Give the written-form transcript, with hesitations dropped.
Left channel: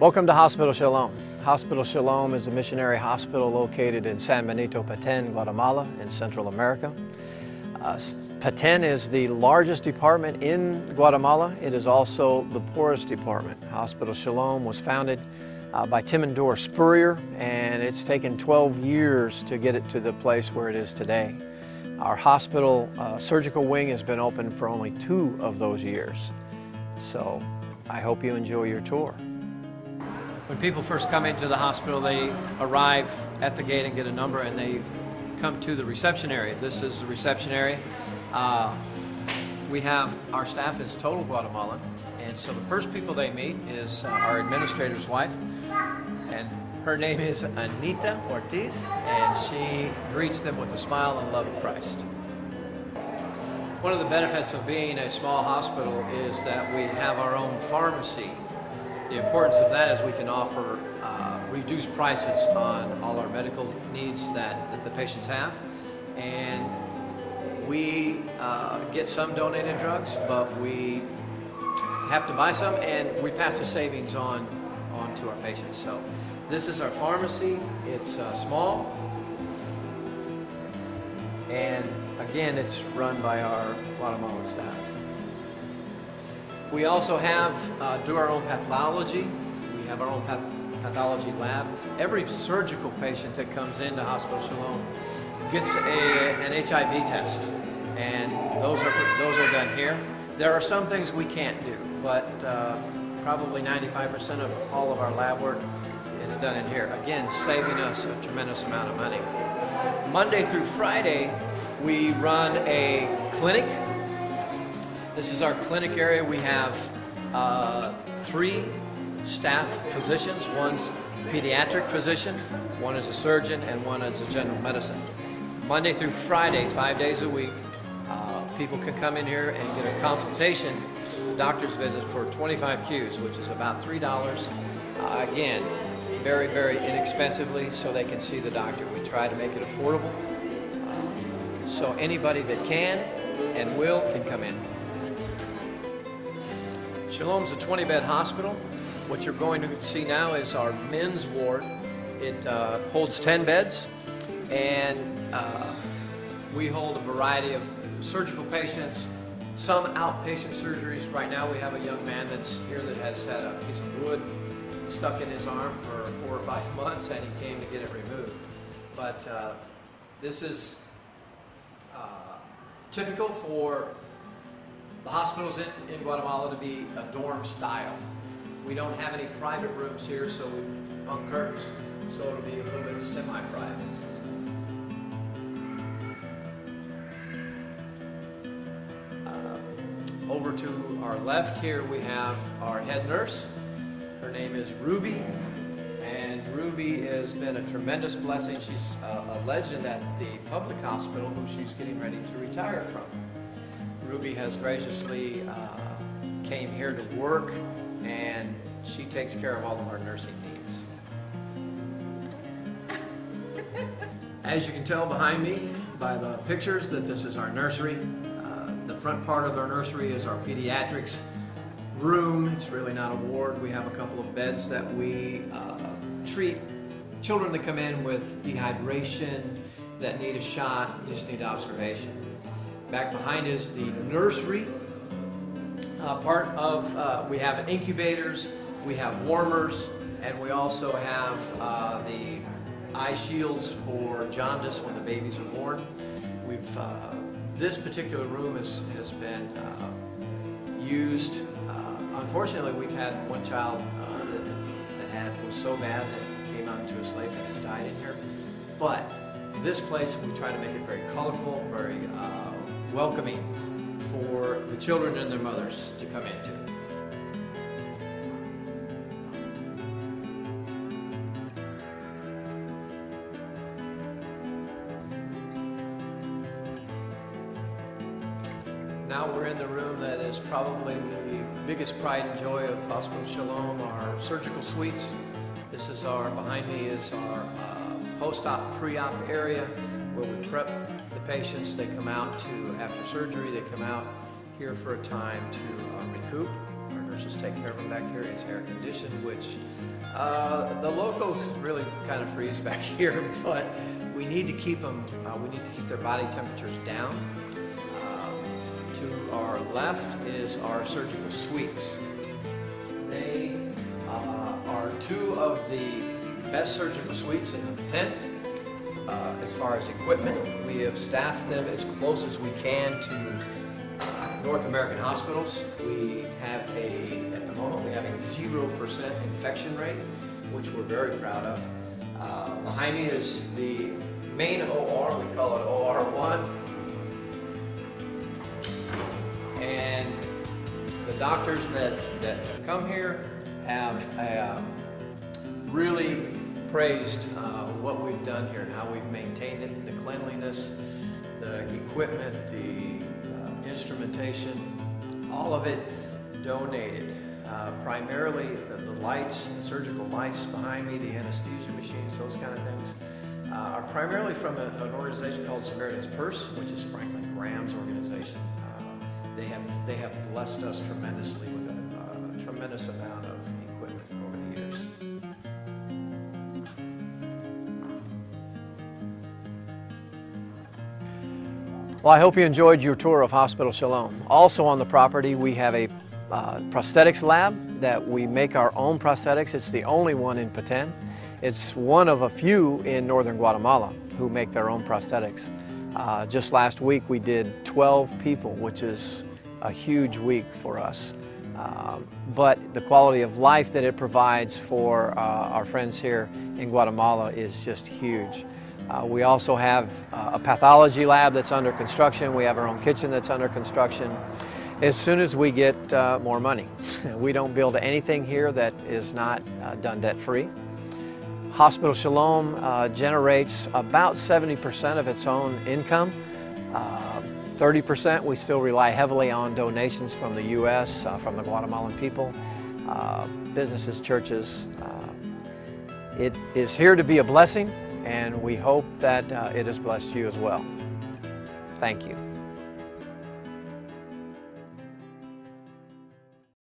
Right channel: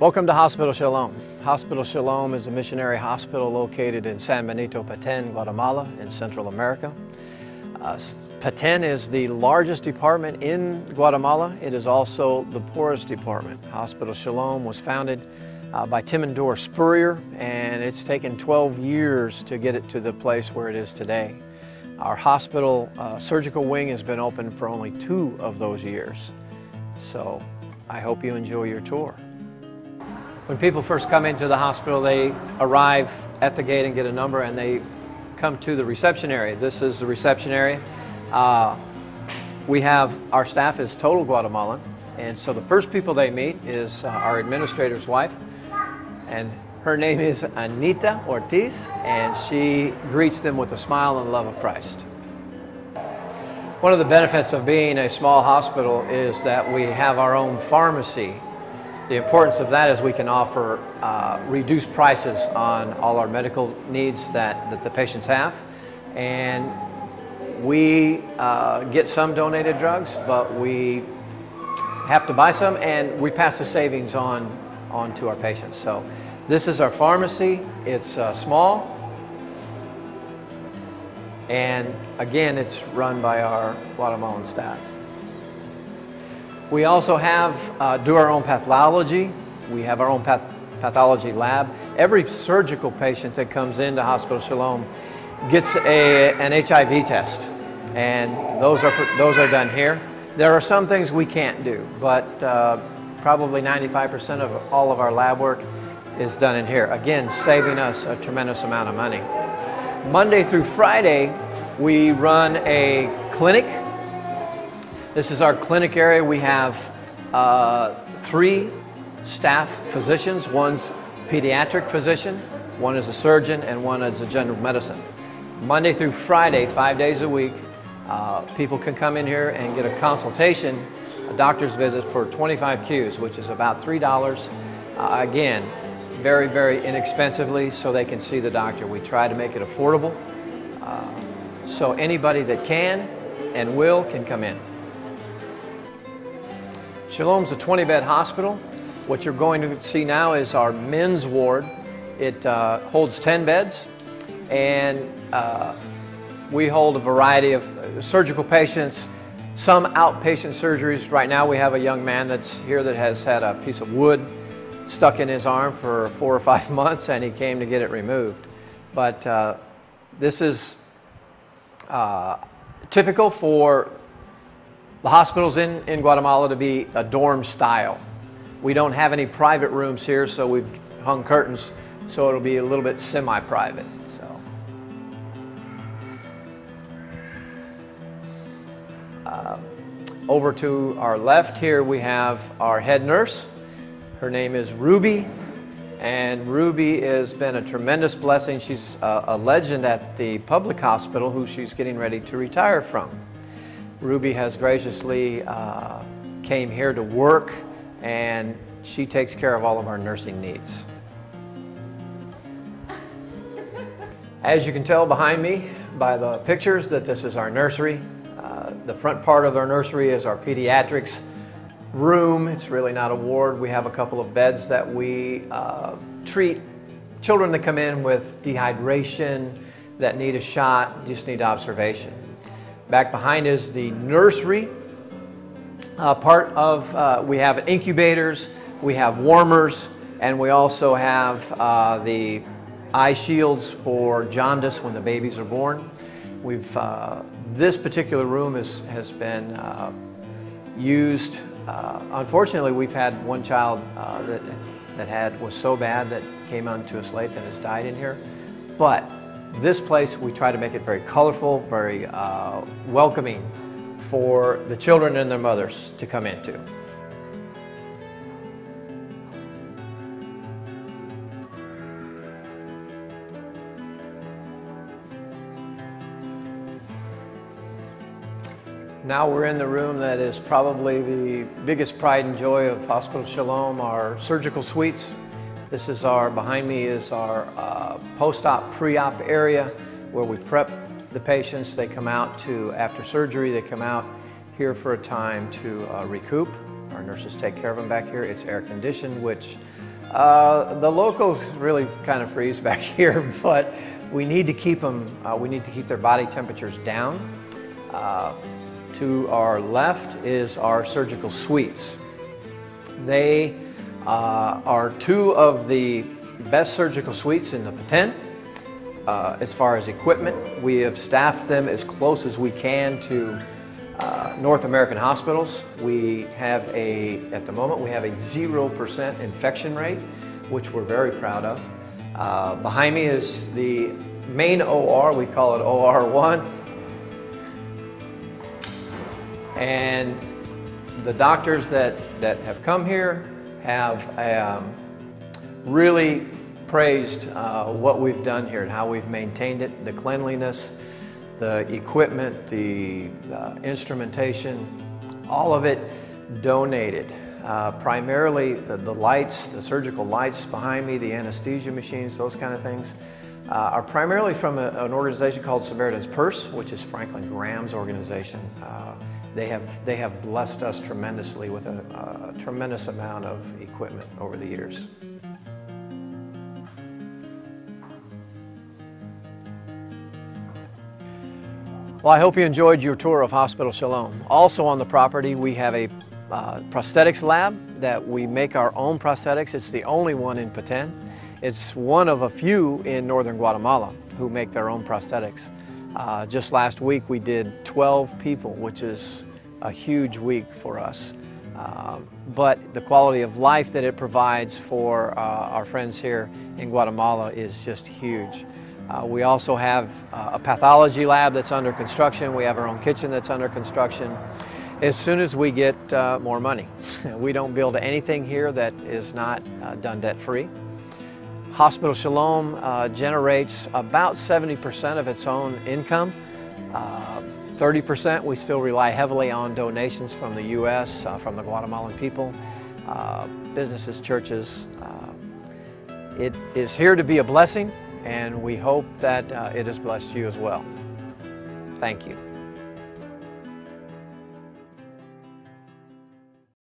Welcome to Hospital Shalom. Hospital Shalom is a missionary hospital located in San Benito, Petén, Guatemala, in Central America. Petén is the largest department in Guatemala. It is also the poorest department. Hospital Shalom was founded by Tim and Dora Spurrier, and it's taken 12 years to get it to the place where it is today. Our hospital surgical wing has been open for only 2 of those years. So I hope you enjoy your tour. When people first come into the hospital, they arrive at the gate and get a number, and they come to the reception area. This is the reception area. Our staff is total Guatemalan, and so the first people they meet is our administrator's wife, and her name is Anita Ortiz, and she greets them with a smile and love of Christ. One of the benefits of being a small hospital is that we have our own pharmacy. The importance of that is we can offer reduced prices on all our medical needs that the patients have. And we get some donated drugs, but we have to buy some, and we pass the savings on to our patients. So this is our pharmacy. It's small. And again, it's run by our Guatemalan staff. We also do our own pathology. We have our own pathology lab. Every surgical patient that comes into Hospital Shalom gets an HIV test, and those are done here. There are some things we can't do, but probably 95% of all of our lab work is done in here. Again, saving us a tremendous amount of money. Monday through Friday, we run a clinic. This is our clinic area. We have 3 staff physicians. One's a pediatric physician, one is a surgeon, and one is a general medicine. Monday through Friday, 5 days a week, people can come in here and get a consultation, a doctor's visit for 25 Qs, which is about $3. Again, very, very inexpensively, so they can see the doctor. We try to make it affordable, so anybody that can and will can come in. Shalom's a 20-bed hospital. What you're going to see now is our men's ward. It holds 10 beds, and we hold a variety of surgical patients, some outpatient surgeries. Right now we have a young man that's here that has had a piece of wood stuck in his arm for 4 or 5 months, and he came to get it removed. But this is typical for the hospitals in Guatemala to be a dorm style. We don't have any private rooms here, so we've hung curtains so it'll be a little bit semi-private. Over to our left here we have our head nurse. Her name is Ruby, and Ruby has been a tremendous blessing. She's a legend at the public hospital who she's getting ready to retire from. Ruby has graciously came here to work, and she takes care of all of our nursing needs. As you can tell behind me by the pictures that this is our nursery. The front part of our nursery is our pediatrics room. It's really not a ward. We have a couple of beds that we treat children that come in with dehydration, that need a shot, just need observation. Back behind is the nursery part of, we have incubators, we have warmers, and we also have the eye shields for jaundice when the babies are born. This particular room has been used. Unfortunately, we've had one child that was so bad that came onto us late and has died in here. But this place, we try to make it very colorful, very welcoming for the children and their mothers to come into. Now we're in the room that is probably the biggest pride and joy of Hospital Shalom, our surgical suites. This is behind me is our post-op, pre-op area where we prep the patients. They come out after surgery, they come out here for a time to recoup. Our nurses take care of them back here. It's air conditioned, which the locals really kind of freeze back here, but we need to keep them, we need to keep their body temperatures down. To our left is our surgical suites. They are two of the best surgical suites in the tent. As far as equipment, we have staffed them as close as we can to North American hospitals. We have at the moment, we have a 0% infection rate, which we're very proud of. Behind me is the main OR, we call it OR1. And the doctors that have come here have really praised what we've done here and how we've maintained it, the cleanliness, the equipment, the instrumentation, all of it donated. Primarily the lights, the surgical lights behind me, the anesthesia machines, those kind of things, are primarily from an organization called Samaritan's Purse, which is Franklin Graham's organization. They have blessed us tremendously with a tremendous amount of equipment over the years. Well, I hope you enjoyed your tour of Hospital Shalom. Also on the property, we have a prosthetics lab that we make our own prosthetics. It's the only one in Petén. It's one of a few in northern Guatemala who make their own prosthetics. Just last week we did 12 people, which is a huge week for us. But the quality of life that it provides for our friends here in Guatemala is just huge. We also have a pathology lab that's under construction. We have our own kitchen that's under construction. As soon as we get more money. We don't build anything here that is not done debt-free. Hospital Shalom generates about 70% of its own income. 30% we still rely heavily on donations from the U.S., from the Guatemalan people, businesses, churches. It is here to be a blessing, and we hope that it has blessed you as well. Thank you.